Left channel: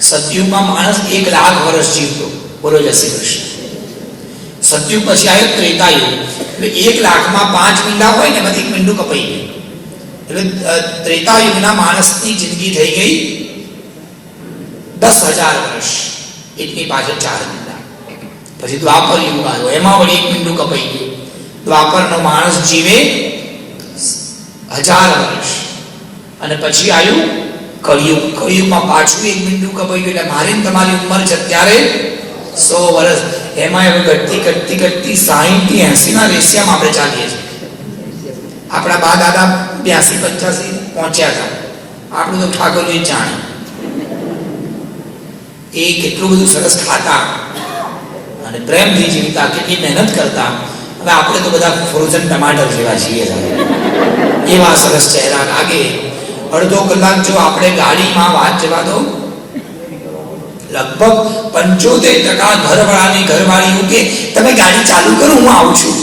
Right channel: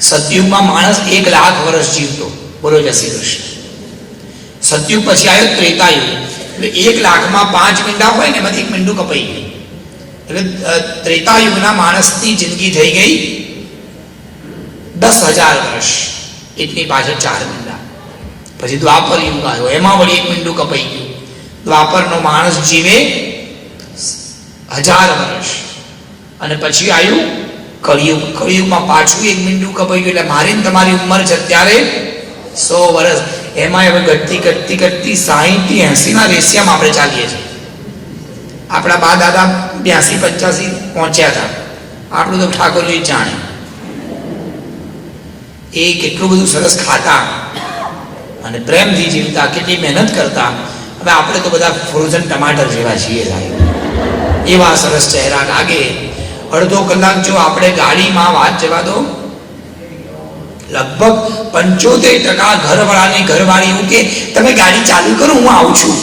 સતયુગમાં માણસ 1 લાખ વર્ષ જીવતો. બોલો જય શ્રી કૃષ્ણ. સતયુગ પછી આવ્યો ત્રેતાયુગ. 1 લાખમાં 5 મીંડા હોય ને એમાંથી 1 મીંડું કપાઈ ગયું. એટલે ત્રેતાયુગના માણસની જિંદગી થઈ ગઈ 10,000 વર્ષ. એટલી પાછળ 4 મીંડા. પછી દ્વાપર યુગ આવ્યો, એમાં વળી 1 મીંડું કપાઈ ગયું. દ્વાપરનો માણસ જીવે 1000 વર્ષ. અને પછી આવ્યું કળિયુગ. કળિયુગમાં પાછું 1 મીંડું કપાઈ ગયું. એટલે મારી ને તમારી ઉંમર છે અત્યારે 100 વર્ષ. એમાં હવે ઘટતી 60 થી 80 ના રેશિયામાં આપણે ચાલીએ છીએ. આપણા બા દાદા 82-85 પહોંચ્યા હતા. આપણું તો ઠાકોરજી જાણે. એ કેટલું બધું સરસ ખાતા અને પ્રેમથી જીવતા, કેટલી મહેનત કરતા. હવે આપણે તો બધા ફ્રોઝન ટમાટર જેવા છીએ. એવા સરસ ચહેરા લાગે. અડધો કલાક જો આપણે ગાડીમાં વાત જવા દો, લગભગ 75% ઘરવાળાની ઘરવાળી એવું કે તમે ગાડી ચાલુ કરો, હું આવું છું.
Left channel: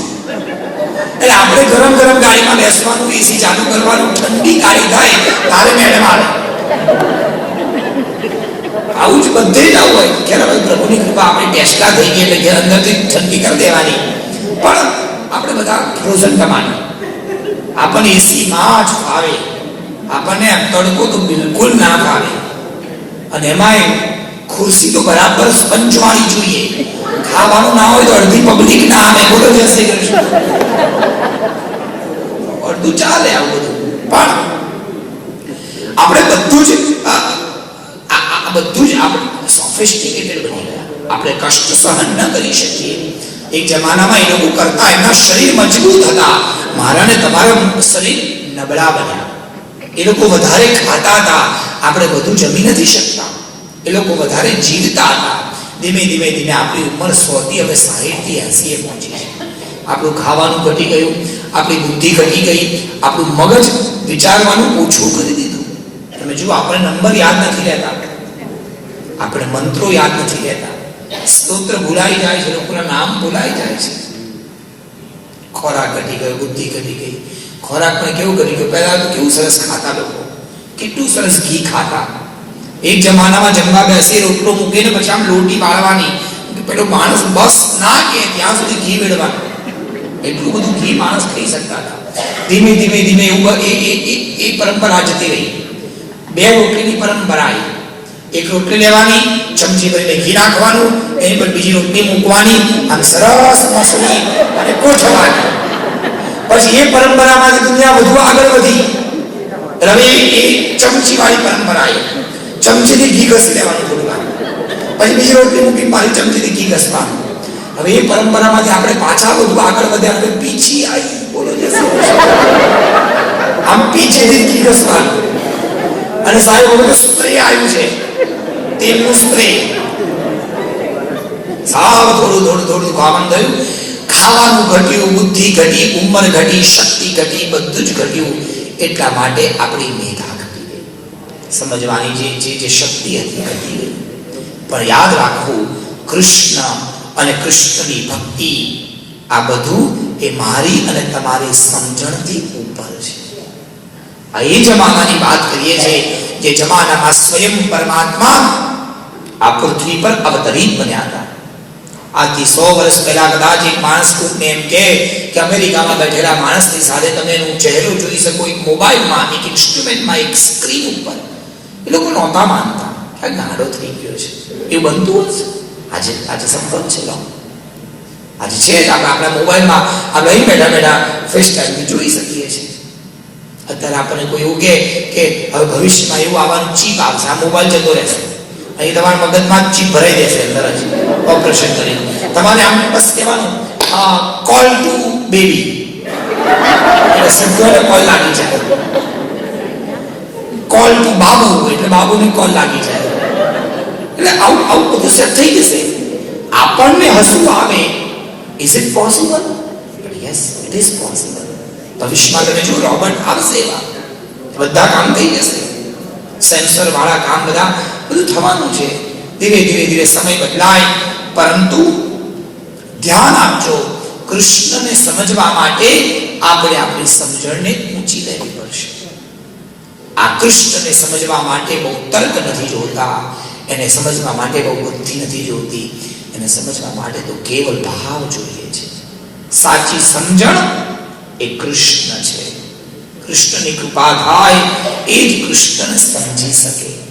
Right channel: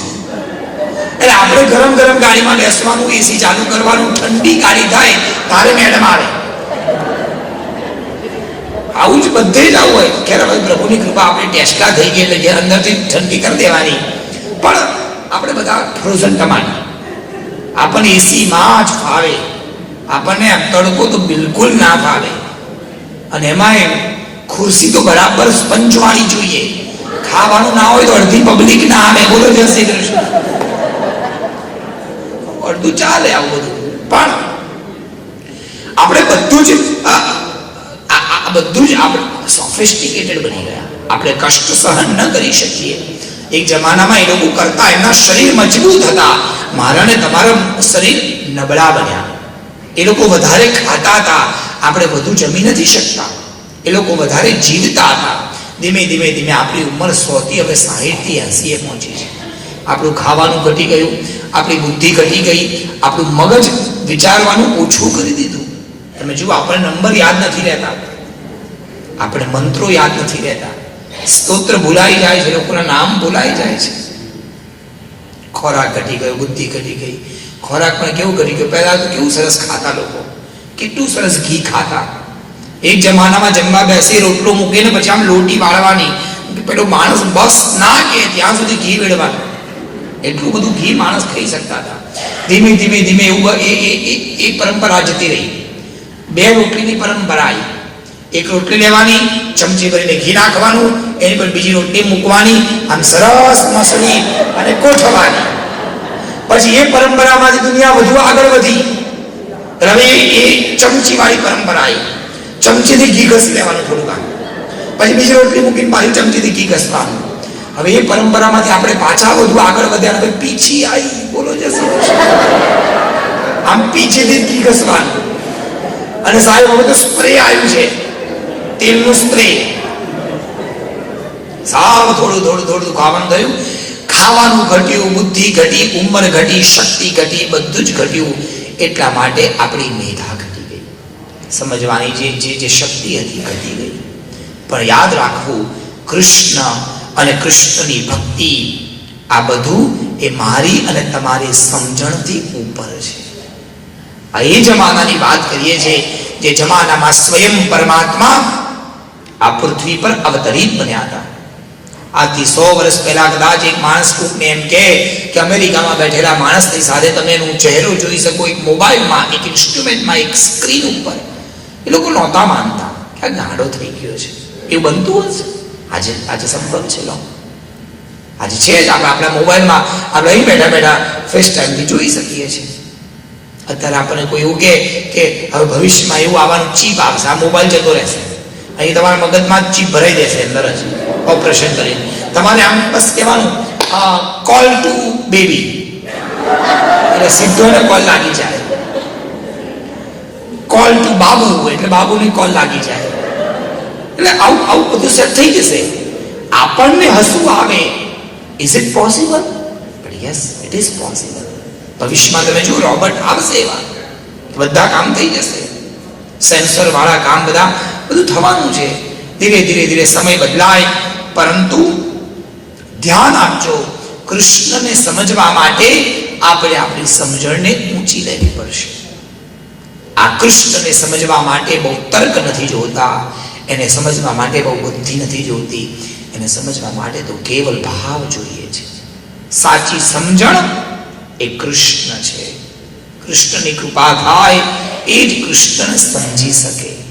એટલે આપણે ગરમ ગરમ ગાડીમાં બેસવાનું, એસી ચાલુ કરવાનું, ઠંડી ગાડી થાય તારે મેડમ આવે. આવું જ બધે જ આવું હોય. ખેર હવે પ્રભુની કૃપા આપણે ટેસ્લા થઈ ગઈ એટલે ઘેર અંદરથી ઠંડી કરી દેવાની. પણ આપણે બધા ફ્રોઝન ટમાટર. આપણને એસીમાં જ ફાવે, આપણને તડકો તો બિલકુલ ના ફાવે. અને એમાં ખુરશી તો બરાબર સ્પંજ વાળી જોઈએ. ખાવાનું ના હોય તો અડધી પબ્લિક ના આવે. બોલો જય શ્રી કૃષ્ણ. અડધું ચાલે આવું બધું. પણ આપણે બધું જ આપણે સોફિસ્ટિકેટેડ બની ગયા. આપણે કષ્ટ સહન ન કરી શકીએ. એક જમાનામાં એ લોકો કરતા, એમના શરીર મજબૂત હતા. મારા ને તમારા શરીર નબળા બન્યા. એ લોકો વધારે ખાતા હતા, આપણે વધુ જમી નથી શકતા. એ લોકો વધારે જીવતા હતા. ધીમે ધીમે ધીમે આપણી ઉંમર 100 થી હવે 60 થી 80 એ પહોંચી છે. આપણું ખાવાનું ઘટી ગયું, આપણી બુદ્ધિ ઘટી ગઈ, આપણું મગજ વિચારવાનું ઓછું કરી દીધું. તમે જુઓ, આપણે નંબર યાદ નથી રહેતા, આપણે મંત્રો યાદ નથી રહેતા, સ્તોત્ર ભૂલાઈ જાય છે, લોકોના નામ ભૂલાઈ જાય છે. ખોરાક ઘટી ગયો, બુદ્ધિ ઘટી ગઈ. ખોરાક પણ કેવું ઘટી ગયું. પહેલા તો કેવું સરસ ખાતા લોકો, કેટલું સરસ ઘી ખાતા. એક જમાનામાં જમવા બેસી, રોટલો મૂકીને પછી આમ લોટી વાળવાની. પેલો માણસ બસ ના કે ત્યાં સુધી ઘી વેડવાનું. એટલું બધું ઘી માણસ ખાઈ શકતા હતા. ધીમે ધીમે ધીમે એવું એ પરંપરા જતી રહી. 2 રોટલીની પરંપરા આવી. એક રોટલી લેવાની, ચમચી ભરીને ઘી નાખવાનું, એની પર બીજી રોટલી મૂકવાની, આમ સરસ મસળી અને કોઠવાની. પછી એ પરંપરામાંથી દુનિયા વધુ આગળ વધી. હવે એ ચમચી વાળી પરંપરા આવી. ચમચીથી ઘી ઘસી લેવાનું થોડું વાર, પછી બીજી રોટલી મૂકીને પાછી ચમચીથી ઘી ઘસવાનું. હવે એ પરંપરામાંથી આપણે પાછા વધુ આગળ વધ્યા. હવે પીછી આવી. બોલો જશે. આમ પીછેથી ઘી ઘસવાનું. અને સાહેબ હવે તો સ્પ્રે આવ્યું છે, તેલનું સ્પ્રે. સાવ થોડું ખાવાનું થયું. ખાવાનું ઘટ્યું, બુદ્ધિ ઘટી, ઉંમર ઘટી, શક્તિ ઘટી, બધું જ ઘટ્યું. એટલા માટે આપણી મેધા ઘટી ગઈ. સમજવાની જે શક્તિ હતી ઘટી ગઈ. પણ યાદ રાખવું, કૃષ્ણ અને કૃષ્ણની ભક્તિ, આ બધું એ મારી અને તમારી સમજણથી ઉપર છે. એ જમાનાની વાત કરીએ છીએ, જે જમાનામાં સ્વયં પરમાત્મા આ પૃથ્વી પર અવતરિત બન્યા હતા. આજથી 100 વર્ષ પહેલા કદાચ એક માણસ કોકને એમ કે અમેરિકામાં બેઠેલા માણસની સાથે તમે એનો ચહેરો જોઈ શકો, એક મોબાઈલમાં, એક ઇન્સ્ટ્રુમેન્ટમાં, એક સ્ક્રીન ઉપર. એ લોકો નહોતા માનતા કે ગાંડો થઈ ગયો છે. એ બનતું હશે. આજે સંભવ છે. આજે છે જ. આપણે આપણા મોબાઈલમાં આપણે અહીં બેઠા બેઠા ફેસ ટાઈમથી જોઈ શકીએ છીએ. અત્યારે આપણને કોઈ એવું કે હવે ભવિષ્યમાં એવું આવવાનું, ચીપ આવશે, આ મોબાઈલ જતો રહેશે, અહીં તમારા મગજમાં ચીપ ભરાઈ દેશે અંદર જ, ઓપરેશન કરીને. તમારે આમ બસ કહેવાનું કોલ ટુ બેબી, એટલે સીધો એને કોલ લાગી જાય. કોલ ટુ બાબુ, એટલે બાબુની કોલ લાગી જાય. એટલે આવું બધું સેટ થઈ જશે. આપણને હસવું આવે. Is it possible? But yes, it is possible. ભવિષ્યમાં તમે જો રોબોટ આવશે, એવા બધા કામ થઈ જશે. સેન્સર વાળા કામ બધું થવાનું છે. ધીરે ધીરે સમય બદલાય. પરંતુ ધ્યાન આપજો, કૃષ્ણને સમજવા માટે આપણે આપણી સમજણને ઊંચી લેવી પડશે. આ કૃષ્ણને સમજવા માટે બહુ તર્ક નથી જોતા, એને સમજવા માટે બહુ બુદ્ધિ નથી જોતી, એને સમજવા માટે તો કેવલ ભાવ જોઈએ છે. સાચી સમજણ એ કૃષ્ણ છે. કૃષ્ણની કૃપા થાય એ જ કૃષ્ણને સમજી શકે.